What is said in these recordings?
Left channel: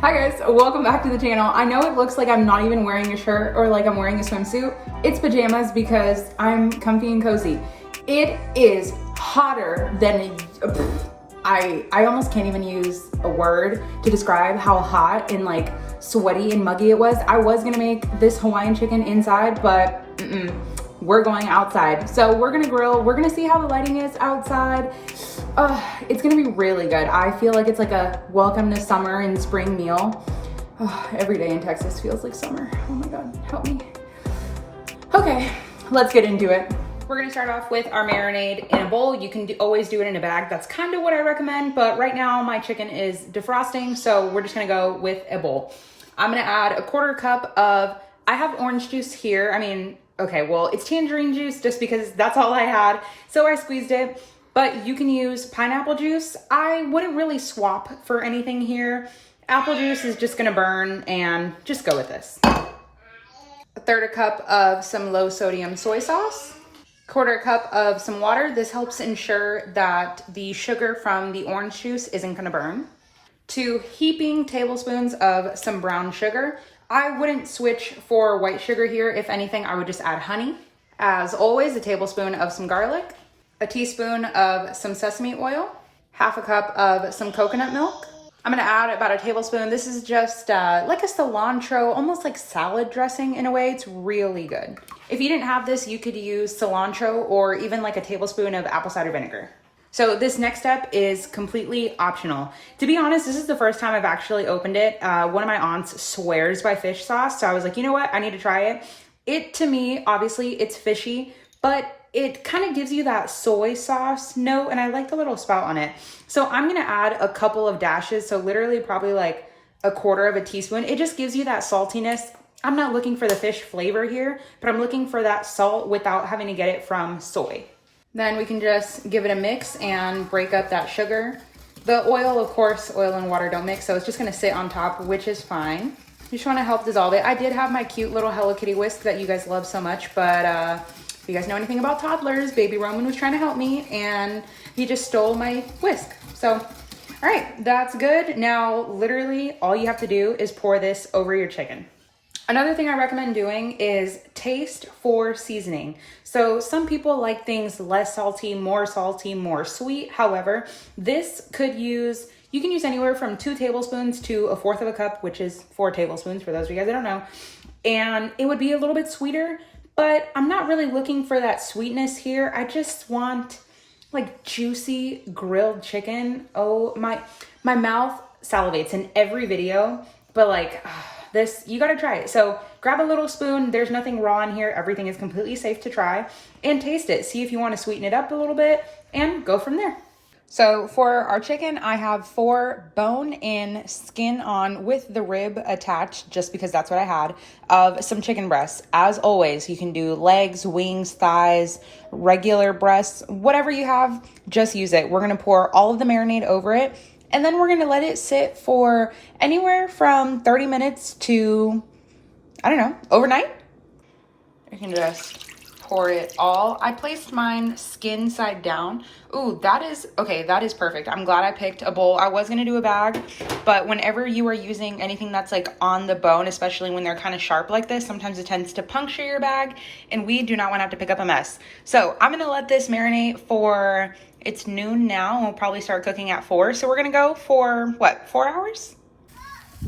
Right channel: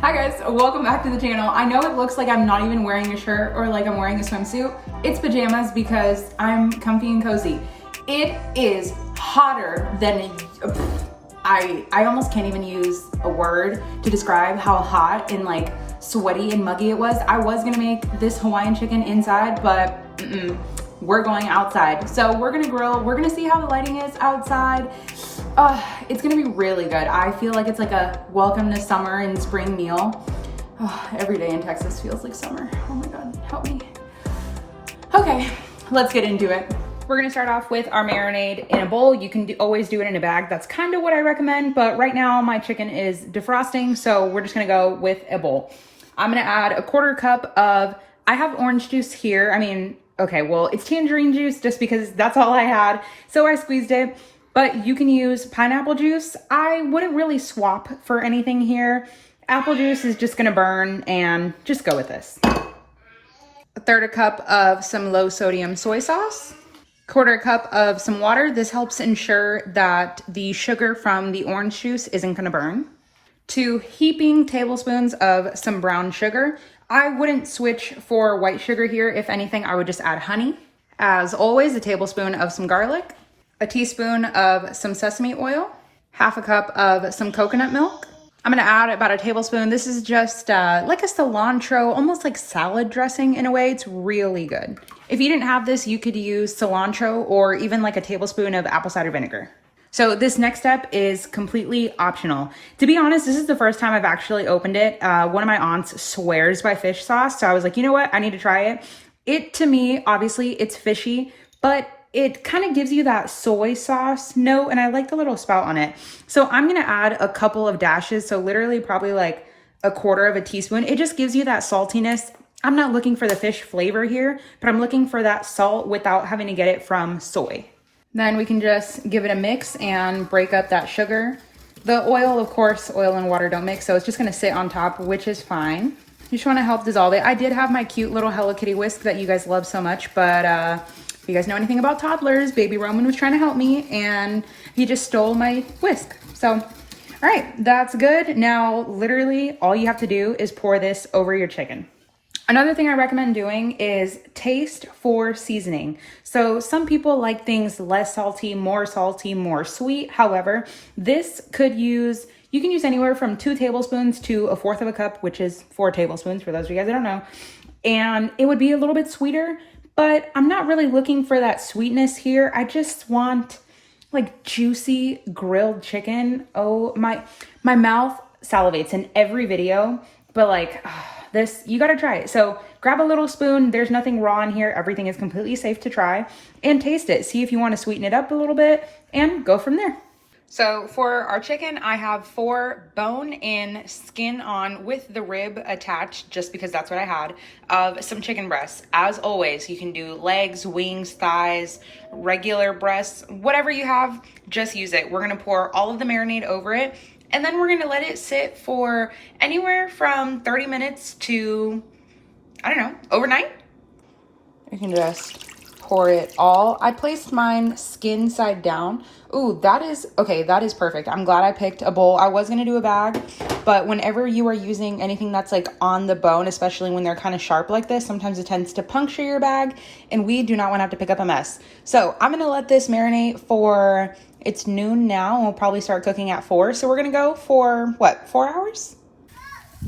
Hi guys, welcome back to the channel. I know it looks like I'm not even wearing a shirt or like I'm wearing a swimsuit. It's pajamas because I'm comfy and cozy. It is hotter than I almost can't even use a word to describe how hot and like sweaty and muggy it was. I was gonna make this Hawaiian chicken inside, but we're going outside. So we're gonna grill. We're gonna see how the lighting is outside. It's gonna be really good. I feel like it's like a welcome to summer and spring meal. Every day in Texas feels like summer. Oh my God, help me. Okay, let's get into it. We're gonna start off with our marinade in a bowl. You can always do it in a bag. That's kind of what I recommend, but right now my chicken is defrosting, so we're just gonna go with a bowl. I'm gonna add a 1/4 cup of, I have orange juice here. I mean, okay, well, it's tangerine juice just because that's all I had, so I squeezed it. But you can use pineapple juice. I wouldn't really swap for anything here. Apple juice is just gonna burn, and just go with this. 1/3 cup of some low sodium soy sauce. 1/4 cup of some water. This helps ensure that the sugar from the orange juice isn't gonna burn. 2 heaping tablespoons of some brown sugar. I wouldn't switch for white sugar here. If anything, I would just add honey. As always, a tablespoon of some garlic. A teaspoon of some sesame oil, 1/2 cup of some coconut milk. I'm gonna add about a tablespoon. This is just like a cilantro, almost like salad dressing in a way. It's really good. If you didn't have this, you could use cilantro or even like a tablespoon of apple cider vinegar. So this next step is completely optional. To be honest, this is the first time I've actually opened it. One of my aunts swears by fish sauce. So I was like, you know what? I need to try it. It, to me, obviously it's fishy, but it kind of gives you that soy sauce note, and I like the little spout on it. So I'm gonna add a couple of dashes, so literally probably like a 1/4 of a teaspoon. It just gives you that saltiness. I'm not looking for the fish flavor here, but I'm looking for that salt without having to get it from soy. Then we can just give it a mix and break up that sugar. The oil, of course, oil and water don't mix, so it's just gonna sit on top, which is fine. You just wanna help dissolve it. I did have my cute little Hello Kitty whisk that you guys love so much, but if you guys know anything about toddlers, baby Roman was trying to help me and he just stole my whisk. So, all right, that's good. Now, literally all you have to do is pour this over your chicken. Another thing I recommend doing is taste for seasoning. So some people like things less salty, more sweet. However, this could use, you can use anywhere from 2 tablespoons to 1/4 of a cup, which is 4 tablespoons for those of you guys that don't know. And it would be a little bit sweeter, but I'm not really looking for that sweetness here. I just want like juicy grilled chicken. Oh, my mouth salivates in every video, but like this, you gotta try it. So grab a little spoon. There's nothing raw in here. Everything is completely safe to try, and taste it. See if you want to sweeten it up a little bit and go from there. So for our chicken, I have 4 bone in, skin on with the rib attached, just because that's what I had, of some chicken breasts. As always, you can do legs, wings, thighs, regular breasts, whatever you have, just use it. We're gonna pour all of the marinade over it, and then we're gonna let it sit for anywhere from 30 minutes to, I don't know, overnight. You can just pour it all. I placed mine skin side down. Ooh, that is perfect. I'm glad I picked a bowl. I was gonna do a bag, but whenever you are using anything that's like on the bone, especially when they're kind of sharp like this, sometimes it tends to puncture your bag, and we do not want to have to pick up a mess. So I'm gonna let this marinate for, it's noon now, and we'll probably start cooking at 4. So we're gonna go for what, 4 hours?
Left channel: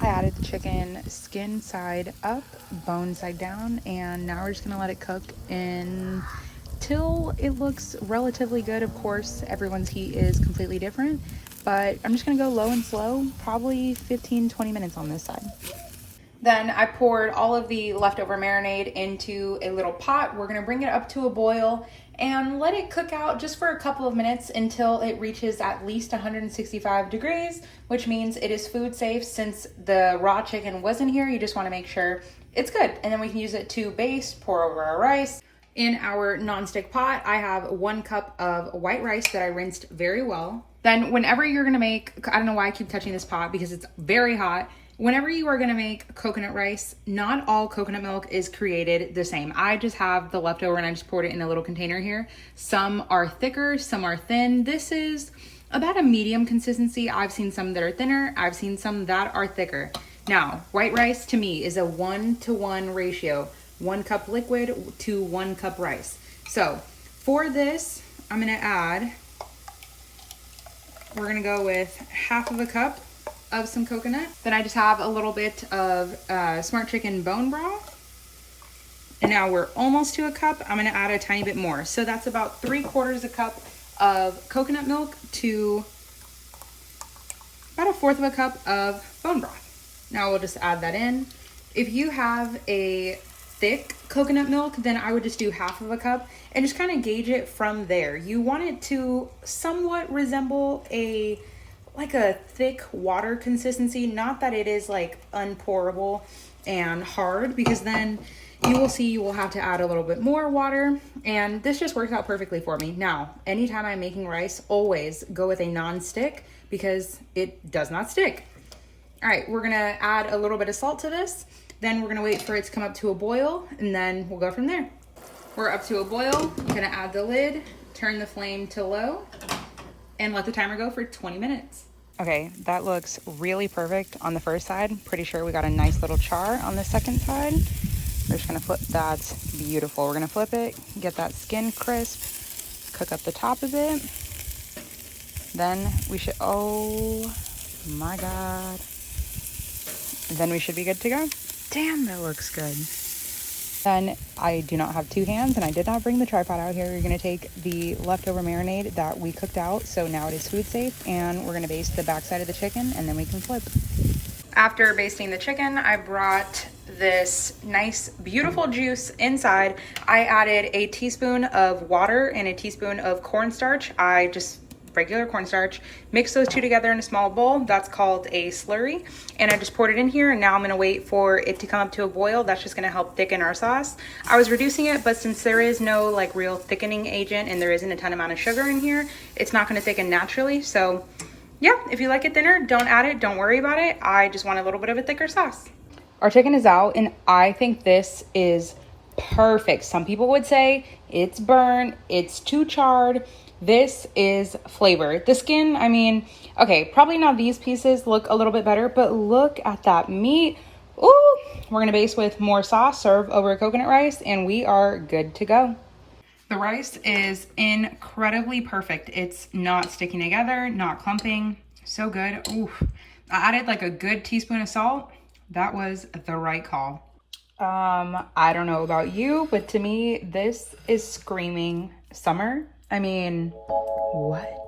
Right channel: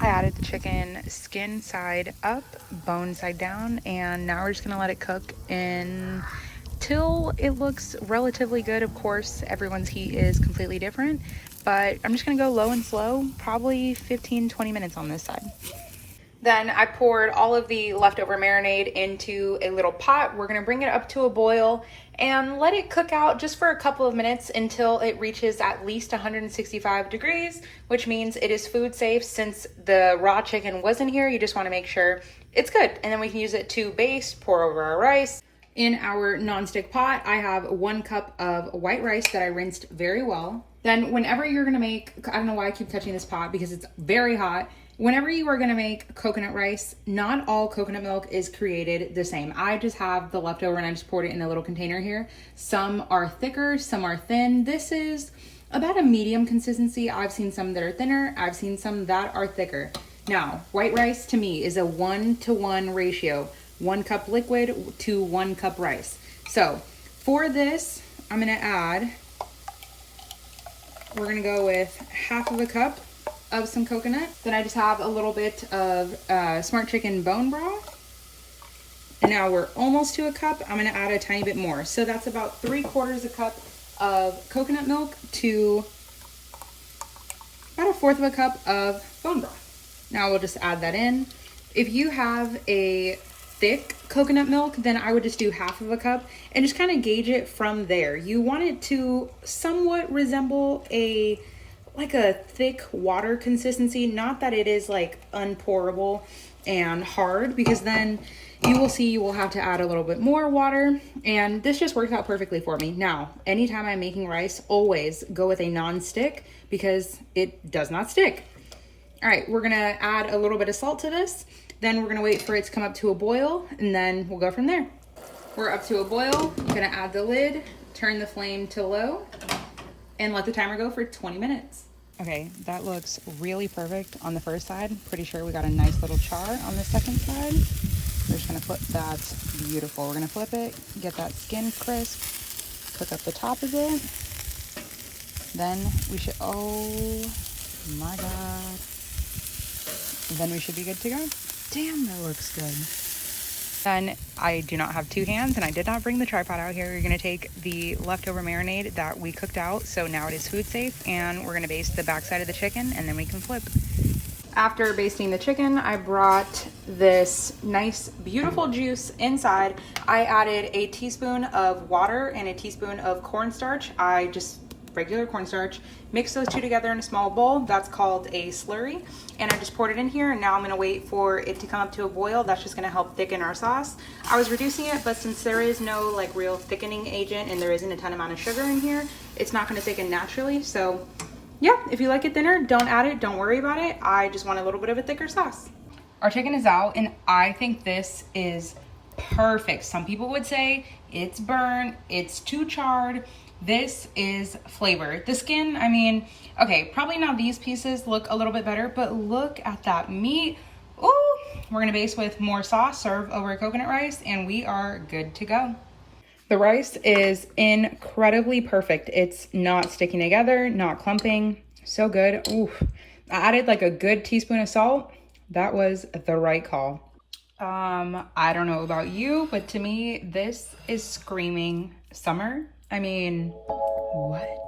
I added the chicken skin side up, bone side down, and now we're just gonna let it cook until it looks relatively good. Of course, everyone's heat is completely different, but I'm just gonna go low and slow, probably 15-20 minutes on this side. Then I poured all of the leftover marinade into a little pot. We're gonna bring it up to a boil and let it cook out just for a couple of minutes until it reaches at least 165 degrees, which means it is food safe. Since the raw chicken wasn't here, you just wanna make sure it's good. And then we can use it to baste, pour over our rice. In our nonstick pot, I have 1 cup of white rice that I rinsed very well. Then whenever you're gonna make, I don't know why I keep touching this pot because it's very hot. Whenever you are gonna make coconut rice, not all coconut milk is created the same. I just have the leftover and I just poured it in a little container here. Some are thicker, some are thin. This is about a medium consistency. I've seen some that are thinner. I've seen some that are thicker. Now, white rice to me is a 1-to-1 ratio. 1 cup liquid to 1 cup rice. So for this, I'm gonna add, we're gonna go with half of a cup of some coconut. Then I just have a little bit of Smart Chicken bone broth. And now we're almost to a cup. I'm gonna add a tiny bit more. So that's about 3/4 a cup of coconut milk to about 1/4 of a cup of bone broth. Now we'll just add that in. If you have a thick coconut milk, then I would just do half of a cup and just kind of gauge it from there. You want it to somewhat resemble like a thick water consistency, not that it is like unpourable and hard, because then you will see you will have to add a little bit more water, and this just works out perfectly for me. Now, anytime I'm making rice, always go with a non-stick because it does not stick. All right, we're gonna add a little bit of salt to this, then we're gonna wait for it to come up to a boil, and then we'll go from there. We're up to a boil, I'm gonna add the lid, turn the flame to low, and let the timer go for 20 minutes. Okay, that looks really perfect on the first side. Pretty sure we got a nice little char on the second side. We're just gonna flip, that's beautiful. We're gonna flip it, get that skin crisp, cook up the top of it. Then we should, oh my God. Then we should be good to go. Damn, that looks good. Then I do not have 2 hands and I did not bring the tripod out here. You're gonna take the leftover marinade that we cooked out, so now it is food safe, and we're gonna baste the backside of the chicken and then we can flip. After basting the chicken, I brought this nice, beautiful juice inside. I added a teaspoon of water and a teaspoon of cornstarch. Regular cornstarch, mix those two together in a small bowl. That's called a slurry. And I just poured it in here, and now I'm gonna wait for it to come up to a boil. That's just gonna help thicken our sauce. I was reducing it, but since there is no like real thickening agent and there isn't a ton amount of sugar in here, it's not gonna thicken naturally. So yeah, if you like it thinner, don't add it, don't worry about it. I just want a little bit of a thicker sauce. Our chicken is out, and I think this is perfect. Some people would say it's burnt, it's too charred. This is flavor. The skin, I mean, okay, probably not these pieces look a little bit better, but look at that meat. Ooh, we're gonna baste with more sauce, serve over coconut rice, and we are good to go. The rice is incredibly perfect. It's not sticking together, not clumping, so good. Ooh, I added like a good teaspoon of salt. That was the right call. I don't know about you, but to me, this is screaming summer. I mean, what?